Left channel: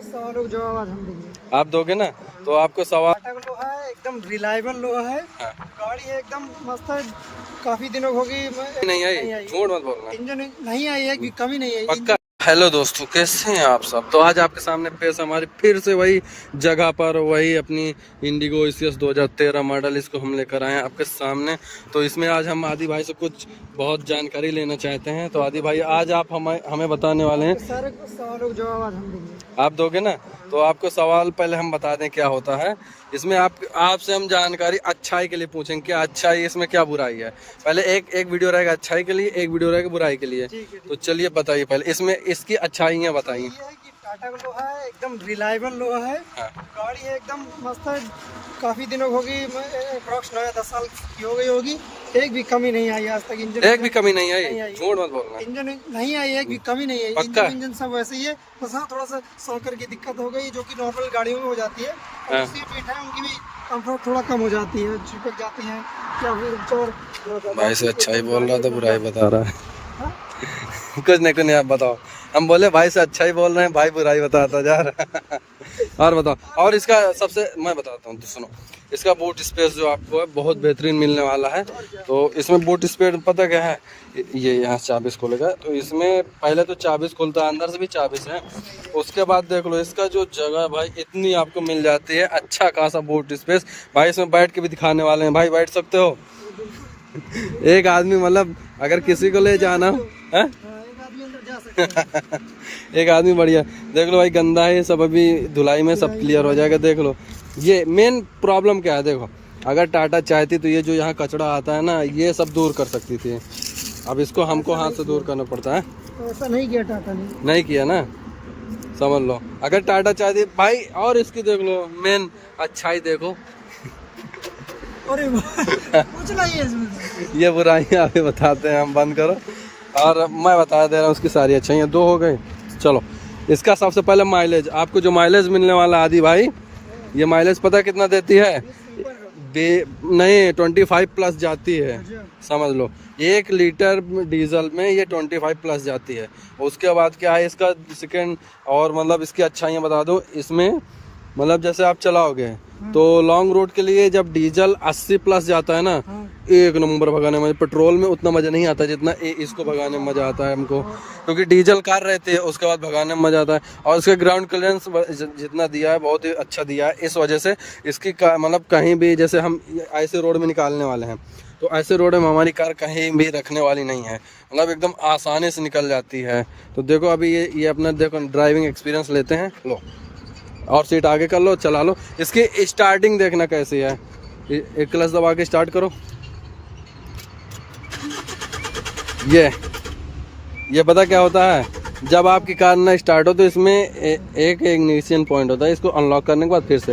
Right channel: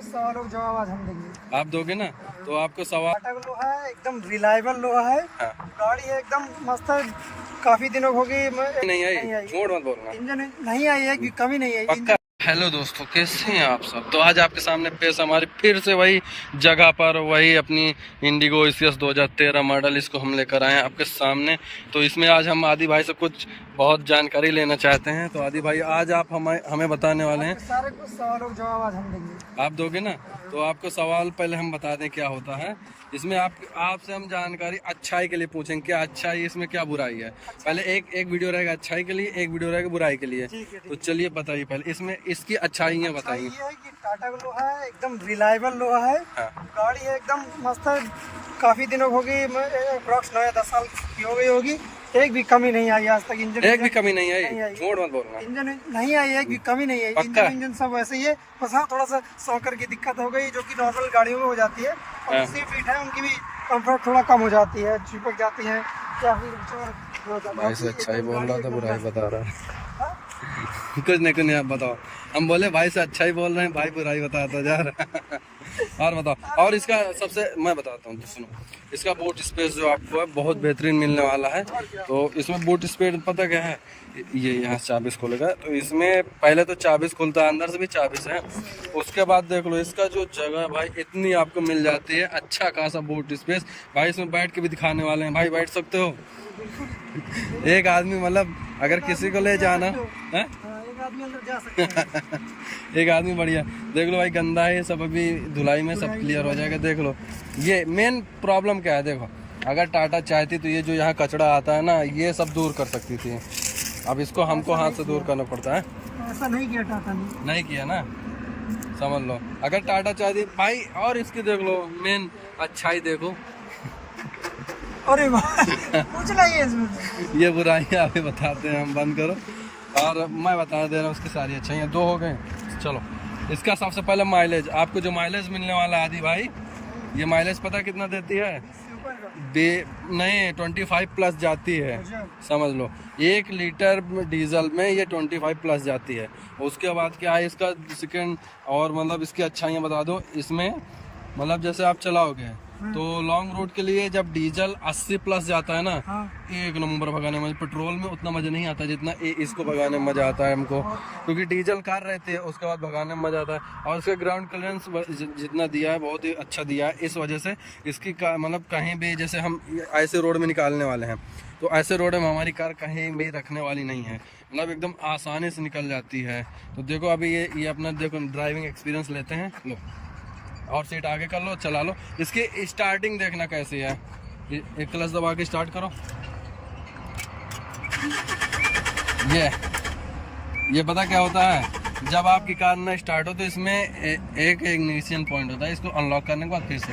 कुछ सवालों का जवाब आज हम देंगे। आप दोगे ना? तो आपको सवाल टाटा का लोहा है, एकदम रिलायबल लोहा है। हाँ। गाड़ी है एकदम मस्त है, काफी दिनों हो गई नहीं आई, झूठ मत बोलना। इंजन नहीं आई है, एक भी कमी नहीं आई। पक्का। हेलो दोस्तों, कैसे हैं आप सब? तो आज आपके सामने पेश हमारी फिर से वही जगह पर वही अपनी इंडिगो ECS 2013 मॉडल, इसको हम लेकर आए हैं आपके सामने। तो इसमें आज हम आदि भाई से कुछ बहुत जानकारी लेना चाहते हैं। तो आदि भाई आज आप हमें बताने वाले हैं सारे कुछ सवालों का जवाब आज हम देंगे। आप दोगे ना? तो आपको सवाल पहले हम बता दें क्या होता है इसमें। आपसे हम जानकारी अच्छाई के लिए पूछेंगे, क्या अच्छाई इसमें, क्या बुराई है। पहले एक वीडियो रहेगा अच्छाई के लिए, एक वीडियो रहेगा बुराई के लिए। तो चलिए बताइए पहले इसमें इसकी अच्छाइयाँ बताइए। ये है कि टाटा का लोहा है, एकदम रिलायबल लोहा है। हाँ। गाड़ी है एकदम मस्त है, काफी दिनों हो गई, अप्रॉक्स 9 या 10 साल की हो गई होगी, एक भी कमी नहीं आई आज तक। इंजन एक भी कमी नहीं आई, झूठ मत बोलना। इंजन नहीं आई, एक भी कमी नहीं आई। पक्का? इंजन सब वैसे ही है, बस हाँ थोड़ा सा सॉकर की दिक्कत हो गई जो कि नॉर्मल गाड़ियों में हो जाती है। और हाँ। सीट वीट है उनकी भी कंफर्ट थोड़ा कम हो जाती है, चिपक जाती है या फिर चोर। भाई से अच्छा ही बोल रहा था, बुराई बता रहा है। हाँ? कुछ नहीं आप बताओ। हम बोले भाई से अच्छा ही बोल रहे हैं, भाई बुराई बताता जा रहा है। और बताओ। और इसका सबसे मैं बताता हूँ तो सुनो, इसका बूट स्पेस जो आपको है बहुत बेहतरीन मिलने वाला है। तो इसमें बूट स्पेस पता क्या है, ये यहाँ से चाबीस खोलेगा तो इसमें पहले तो चाबीस खुलता है, अंदर से भी चाबीस है। उसके बाद देख लो इसका जो जगह भाई इतनी आपको मिल जाती है, अच्छा खासा बूट स्पेस। भाई इसमें बैठ के भी दिखाने वाले हैं, भाई बैठ सकते हो। एक आदमी मतलब अगर किसी को ले जाना है, एक आदमी अंदर जा सकता है। एक आदमी बढ़िया। देख लो भाई गंदा है सब, अभी धुलाई में सब क्लियर हो जाएगा। देख लो ये मेन प्रॉब्लम क्या है, देखो अगर टाटा चाहती तो ये जो यहाँ कचरा आता है ना, ये सब दूर कर सकती थी। अब इसको हमको हाथ से दूर करना पड़ता है। तो ऐसा नहीं किया टाटा ने, नहीं किया ना, समझ लो। अगर टाटा चाहती भाई, और इसकी देख लो मेन अच्छाई देखो। अरे कुछ नहीं है इसमें। ये बुराइयां अभी बताते हैं हम, बंद करो। और मैं बता दे रहा हूँ उसकी सारी अच्छाइयाँ। दो हो गए, चलो। इसका सबसे पहले माइलेज, आपको जो माइलेज मिलने वाला आदि भाई, ये माइलेज पता कितना देती है? नहीं 25 प्लस जाती है, समझ लो। 1 लीटर डीजल में ये 25 प्लस जाती है। उसके बाद क्या है इसका सेकंड, और मतलब इसकी अच्छाइयाँ बता दो। इसमें मतलब जैसे आप चलाओगे तो लॉन्ग रूट के लिए जब डीजल 80 प्लस जाता है ना, हाँ। एक नंबर भगाने में। पेट्रोल में उतना मजा नहीं आता जितना इसको भगाने में मजा आता है हमको, क्योंकि डीजल कार रहती है, उसके बाद भगाने में मजा आता है। और इसका ग्राउंड क्लियरेंस जितना दिया है बहुत ही अच्छा दिया है। इस वजह से इसकी मतलब कहीं भी, जैसे हम ऐसे रोड में निकालने वाले हैं तो ऐसे रोड में हमारी कार कहीं भी रखने वाली नहीं है, मतलब एकदम आसानी से निकल जाती है। तो देखो अभी ये अपना देखो ड्राइविंग एक्सपीरियंस लेते हैं। लो और सीट आगे कर लो, चला लो। इसकी स्टार्टिंग देखना कैसी है। एक क्लच दबा के स्टार्ट करो। ये पता क्या होता है, जब आपकी कार ना स्टार्ट हो तो इसमें एक इग्निशन पॉइंट होता है, इसको अनलॉक करने के बाद फिर से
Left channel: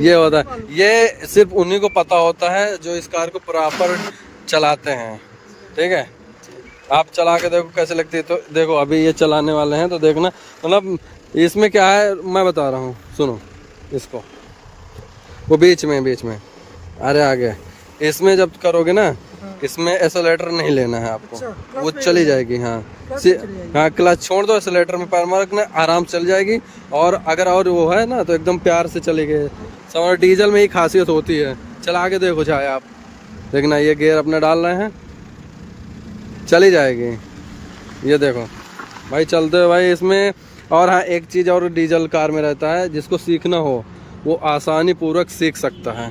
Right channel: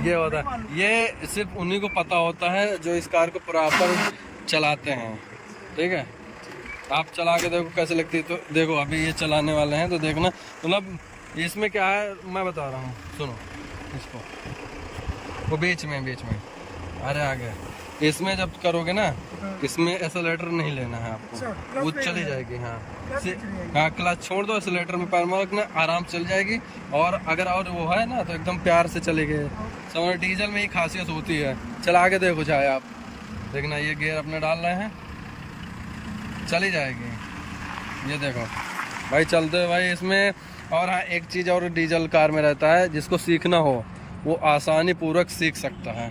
ये होता है। ये सिर्फ उन्हीं को पता होता है जो इस कार को प्रॉपर चलाते हैं, ठीक है। आप चला के देखो कैसे लगती है। तो देखो अभी ये चलाने वाले हैं तो देखना, मतलब इसमें क्या है मैं बता रहा हूँ, सुनो इसको। वो बीच में अरे आगे इसमें जब करोगे ना, इसमें एक्सेलेरेटर नहीं लेना है आपको। अच्छा, वो चली जाएगी। हाँ हाँ, क्लच छोड़ दो, एक्सेलेरेटर में पैर मार रखना, आराम से चल जाएगी। और अगर और वो है ना तो एकदम प्यार से चलेगी। समझ, डीजल में ही खासियत होती है। चला के देखो चाहे आप, देखना ये गियर अपना डाल रहे हैं, चली जाएगी। ये देखो भाई चलते हो भाई इसमें। और हाँ एक चीज़ और डीजल कार में रहता है, जिसको सीखना हो वो आसानी पूर्वक सीख सकता है,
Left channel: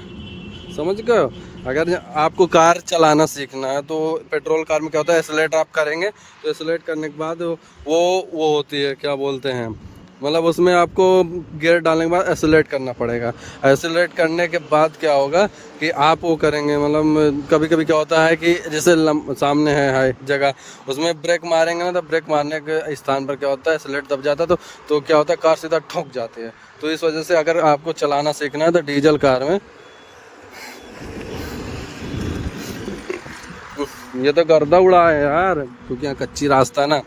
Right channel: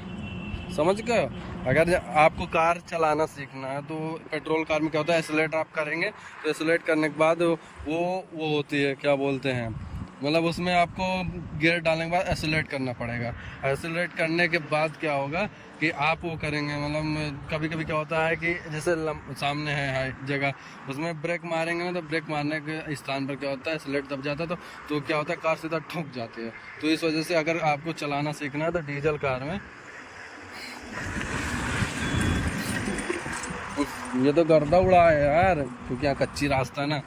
समझ गए। अगर आपको कार चलाना सीखना है तो पेट्रोल कार में क्या होता है, एक्सेलेरेटर आप करेंगे तो एक्सेलेरेट करने के बाद वो होती है, क्या बोलते हैं, मतलब उसमें आपको गियर डालने के बाद एक्सेलेरेट करना पड़ेगा। एक्सेलेरेट करने के बाद क्या होगा कि आप वो करेंगे, मतलब कभी कभी क्या होता है कि जैसे सामने है जगह, उसमें ब्रेक मारेंगे ना, तो ब्रेक मारने के स्थान पर क्या होता है, एक्सेलेरेट दब जाता है तो क्या होता है, कार सीधा ठोक जाती है। तो इस वजह से अगर आपको चलाना सीखना है तो डीजल कार में, ये तो गर्दा उड़ा है यार, क्योंकि यहाँ कच्ची रास्ता ना।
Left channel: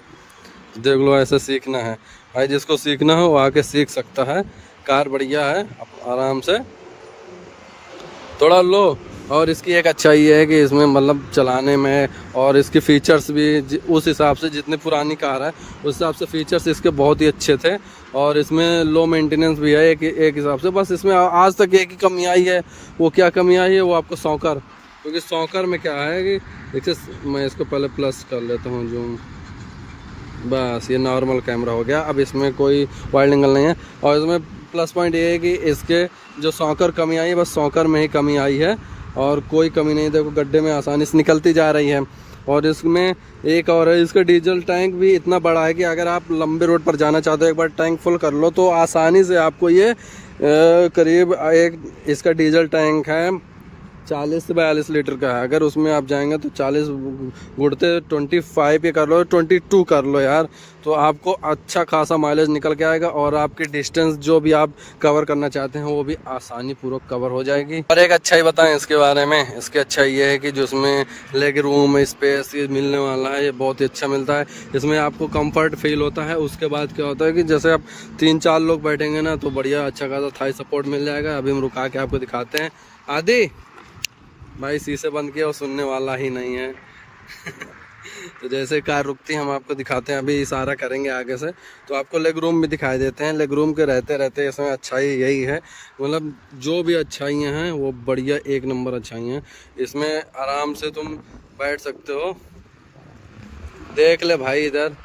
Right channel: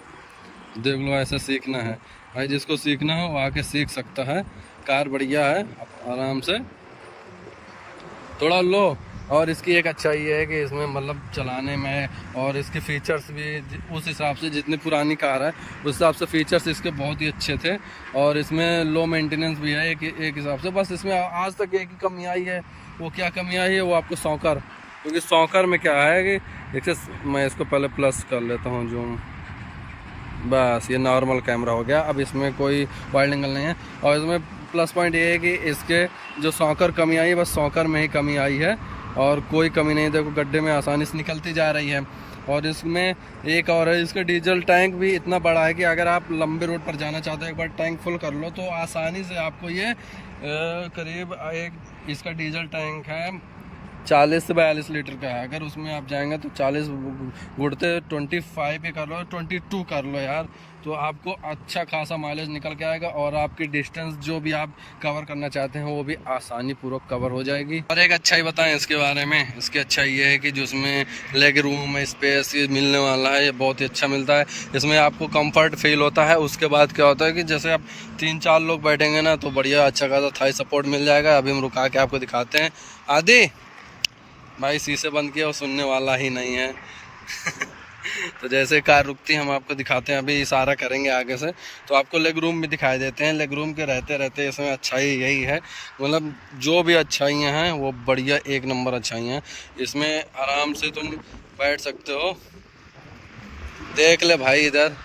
देख लो ऐसे सीखना है भाई, जिसको सीखना हो वो आके सीख सकता है। कार बढ़िया है, आराम से थोड़ा लो और इसकी एक अच्छाई ये है कि इसमें मतलब चलाने में और इसके फीचर्स भी उस हिसाब से, जितनी पुरानी कार है उस हिसाब से फीचर्स इसके बहुत ही अच्छे थे। और इसमें लो मेंटेनेंस भी है एक हिसाब से। बस इसमें आज तक एक ही कमी आई है, वो क्या कमी आई है वो आपको सॉकर, क्योंकि सॉकर में क्या है कि देखिए, मैं इसको पहले प्लस कर लेता हूँ जूम, बस ये नॉर्मल कैमरा हो गया। अब इसमें कोई वाइड एंगल नहीं है। और इसमें प्लस पॉइंट ये है कि इसके जो सॉकर कमी आई है बस सॉकर में ही कमी आई है और कोई कमी नहीं। देखो गड्ढे में आसानी से निकलती जा रही है। और इसमें एक और है, इसका डीजल टैंक भी इतना बड़ा है कि अगर आप लंबे रोड पर जाना चाहते हो, एक बार टैंक फुल कर लो तो आसानी से आपको ये करीब एक इसका डीजल टैंक है 40 से 42 लीटर का है। अगर उसमें आप जाएंगे तो 40 गुड़ते 25 ये कर लो, 22 कर लो यार, तो आपको अच्छा खासा माइलेज निकल के आएगा और आपकी डिस्टेंस जो भी आप कवर करना चाहते हैं वो भी आसानी पूर्वक कवर हो जाएगी। और एक अच्छाई बताएं इसके बारे में, इसकी अच्छाई ये है कि जो इसमें लेग रूम स्पेस ये मिलने वाला है, ये बहुत ही अच्छा मिलता है। इसमें आपको कंफर्ट फील होता है। उसके बाद क्या होता है कि जैसे आप 3-4 लोग बैठेंगे ना तो बढ़िया अच्छा खासा थाई सपोर्ट मिल जाएगा। अभी हम रुका के आपको दिखाते हैं। आदि भाई शीशे बंद किया, वो सुनने वाला ही नहीं है। तो जैसे कार रुकती है हम आपको दिखाते हैं। अभी इशारा करेंगे आगे से तो आपको लेग रूम भी दिखाई देते हैं। लेग रूम के रहते रहते इसमें अच्छाई यही है, मतलब जो भी अच्छाइयाँ हैं वो बढ़िया एक नंबर अच्छाइयाँ हैं। इसमें आराम से तुम बैठ सकते हो। देख ले भाई इधर,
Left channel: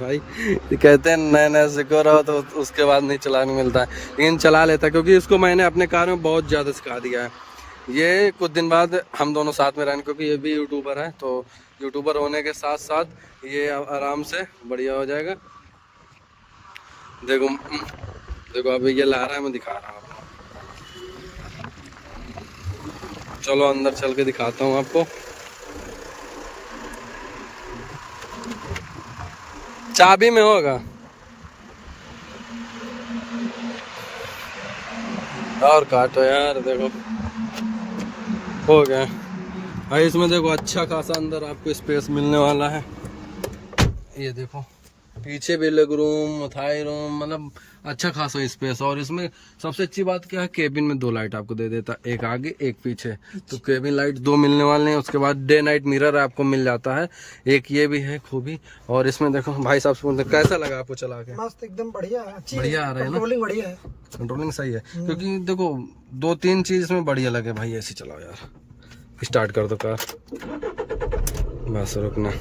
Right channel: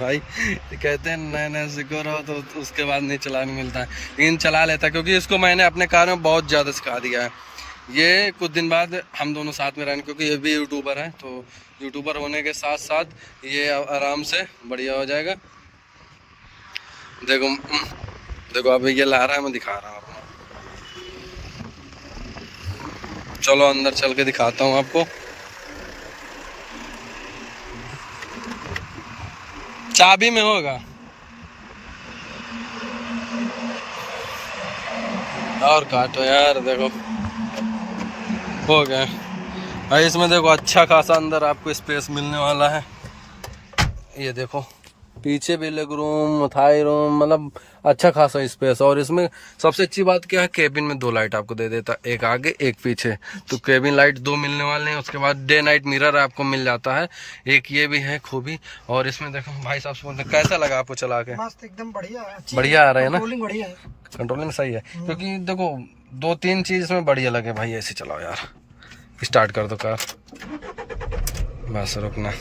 भाई कहते हैं नए नए सीखो रहो तो उसके बाद नहीं चलाने मिलता है, लेकिन चला लेता है क्योंकि इसको मैंने अपने कार में बहुत ज़्यादा सिखा दिया है। ये कुछ दिन बाद हम दोनों साथ में रहेंगे क्योंकि ये भी यूट्यूबर है, तो यूट्यूबर होने के साथ साथ ये आराम से बढ़िया हो जाएगा। देखो देखो अभी ये ला रहा है, मैं दिखा रहा हूँ आपको। चलो अंदर चल के दिखाता हूँ आपको। चाबी में होगा और काटो यार, देखो हो गया भाई। इसमें देखो अच्छा खासा अंदर आपको स्पेस मिलने वाला है। ये देखो पीछे भी लेग रूम, थाई रूम, मतलब अच्छा खासा स्पेस। और इसमें सबसे अच्छी बात क्या है, केबिन में 2 लाइट आपको दे देता, एक आगे एक पीछे, तो केबिन लाइट 2 मिलने वाले हैं। उसके बाद डे नाइट मिरर आपको मिल जाता है, एक ये भी है खूबी। और इसमें देखो भाई साहब से कैसा लगा आपको चला के? मस्त एकदम बढ़िया है, बढ़िया आ रहा है ना, कंट्रोलिंग बढ़िया है, कंट्रोलिंग सही है। क्योंकि देखो 2-3 चीज इसमें बढ़िया लगे भाई। ऐसे चलाओ यार, स्टार्ट कर दो कार, बस रुकना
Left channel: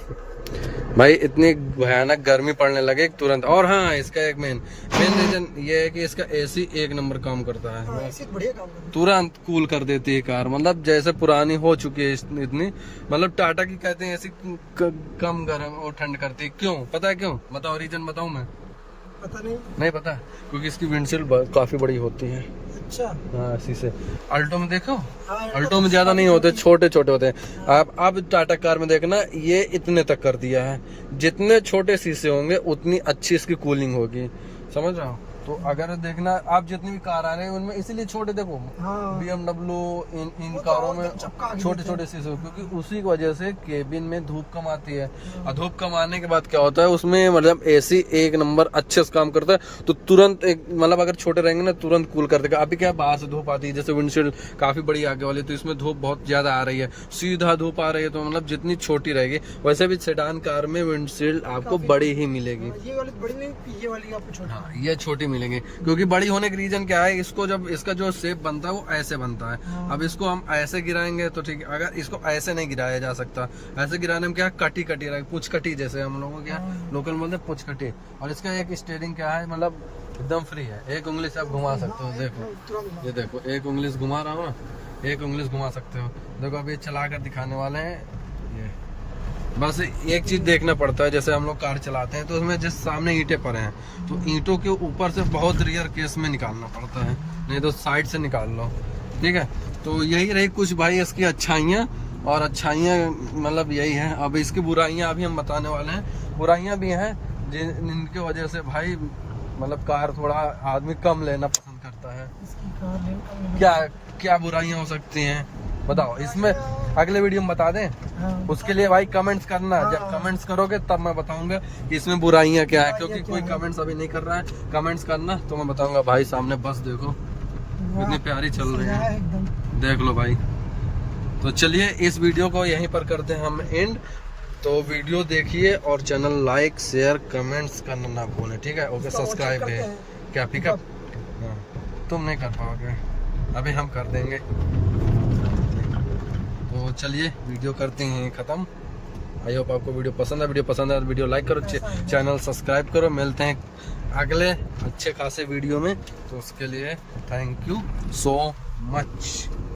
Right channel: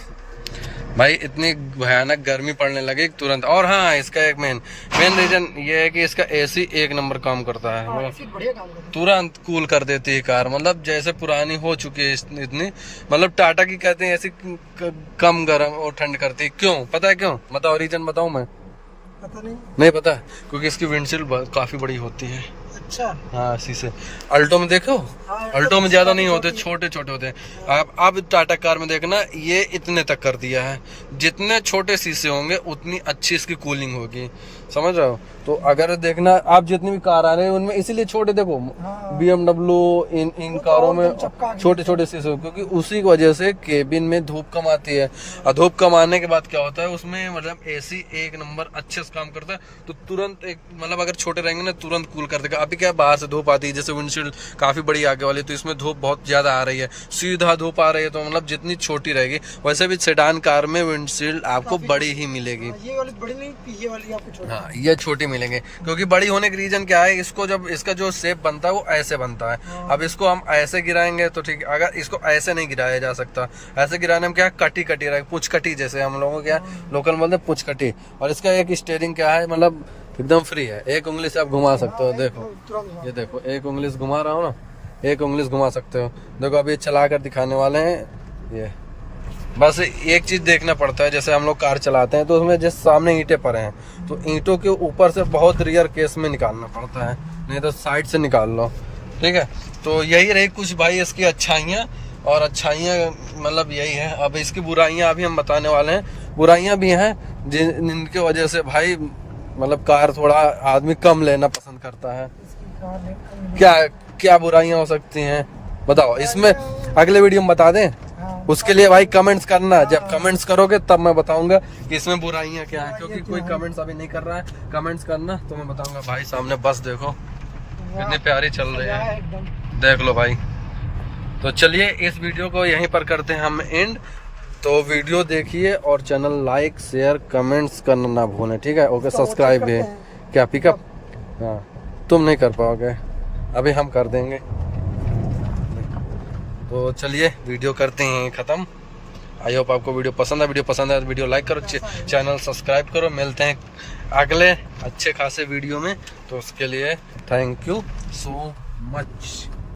भाई। इतनी भयानक गर्मी पड़ने लगे तुरंत। और हाँ, इसका एक मेन रीजन ये है कि इसका एसी एक नंबर काम करता है, बढ़िया काम करता है, तुरंत कूल कर देती है कार। मतलब जैसे पुरानी हो चुकी है इतनी, मतलब टाटा की कहते हैं ऐसी कम गर्म और ठंड करती है। क्यों पता है क्यों? बताओ रीजन बताऊं मैं? पता नहीं पता है? क्योंकि इसकी विंडशील्ड काफी बड़ी होती है। अच्छा हाँ शीशे। अल्टो में देखो, हाँ, अल्टो में ज्यादा नहीं होते, छोटे छोटे होते हैं। अब टाटा कार में देखना ये इतने तक कर दिया है। जितने छोटे शीशे होंगे उतनी अच्छी इसकी कूलिंग होगी, समझ रहे हो? तो अगर देखना आप जितनी भी कार आ रहे हैं उनमें इसीलिए छोटे, देखो हाँ। BMW इन कारों में छोटे छोटे शीशे, क्योंकि उसी की वजह से केबिन में धूप कम आती है। और धूप कम आने के बाद क्या होता है उसमें, मतलब एसी एक नंबर अच्छे से काम करता है। तो तुरंत मतलब अगर छोटे रहेंगे ना तुरंत कूल कर देगा। अभी क्या बाहर से धूप आती है, जैसे विंडशील्ड काफी बड़ी आगे वाली, तो इसमें धूप बहुत ज्यादा आ रही है, सीधा धूप आ रही है। तो मतलब जितनी छोटी रहेगी, वैसे भी सेडान कार में विंडशील्ड आपको बड़ी ही मिलेगी। ये वाली बड़ी नहीं, ये वाली आपको छोटी। हाँ ये छोटी मिलेंगे, क्योंकि बड़ी होने का रीजन क्या है, इसको जब इसका जो शेप बनता है वो ऐसे बनता है। अब इसको हम ऐसे गिराएंगे तो ठीक है, अगर इसको ऐसे नहीं गिराया जा सकता। ऐसे गिराने में क्या कटी कटी रहेगी, पुछ कटी, जैसे हम लोगों क्या लोकल मतलब पुछ कटी। और इसका एक स्टीयरिंग क्या है, मतलब एकदम फ्री है, एक उंगली से आप घुमा सकते हो। देखो ये देखो, एक उंगली से घुमा रहा हूँ ना, एक उंगली से घुमा सकते हो। देखो अभी चला कर दिखाने वाले हैं। ये बस एक चीज देखना पड़ता है, जैसे हम लोग कार चलाते हैं तो उसमें जैसे सामने ईंटें पड़े हैं तो ईंटों के ऊपर से बहुत रेयर केस में निकालना पड़ता है, नहीं तो साइड से निकाल लो, ठीक है। तो यही रही कुछ भाई इसकी अच्छाइयाँ, और अच्छाइयाँ मतलब यही है। अब इसकी बुराइयाँ अभी हम बताने वाले हैं। बुराइयाँ भी हैं जिनकी वजह से भाई मतलब कार थोड़ा आदमी कम लेना पसंद करता है। क्या क्या बुराइयाँ हो सकती हैं बताओ इसमें? अगले वीडियो में बता दें, उसके लिए भाई कमेंट्स करना। जब कमेंट्स करोगे तब मैं बताऊंगा कि इसमें बुराइयां क्या है, क्योंकि कोई कमेंट्स अभी नहीं कर रहा है। कमेंट्स करना तो मैं बताऊंगा। भाई सामने बस देखो कितनी प्यारी चल रही है, देख लो भाई, तो चलिए इस वीडियो को यहीं पर करते हैं हम एंड। तो वीडियो देखिए और चैनल लाइक शेयर कमेंट्स करना ना भूलें, ठीक है। ओके, सब्सक्राइब भी। क्या पिकअप? हाँ, तुम नहीं कर पाओगे, अभी हम कर देंगे। तो चलिए वीडियो करते हैं ख़त्म। आई होप आपको वीडियो पसंद है। वीडियो पसंद है तो वीडियो लाइक करो, चैनल सब्सक्राइब करो। मिलते हैं अगले अच्छे खासे वीडियो में, तो उसके लिए थैंक यू सो मच।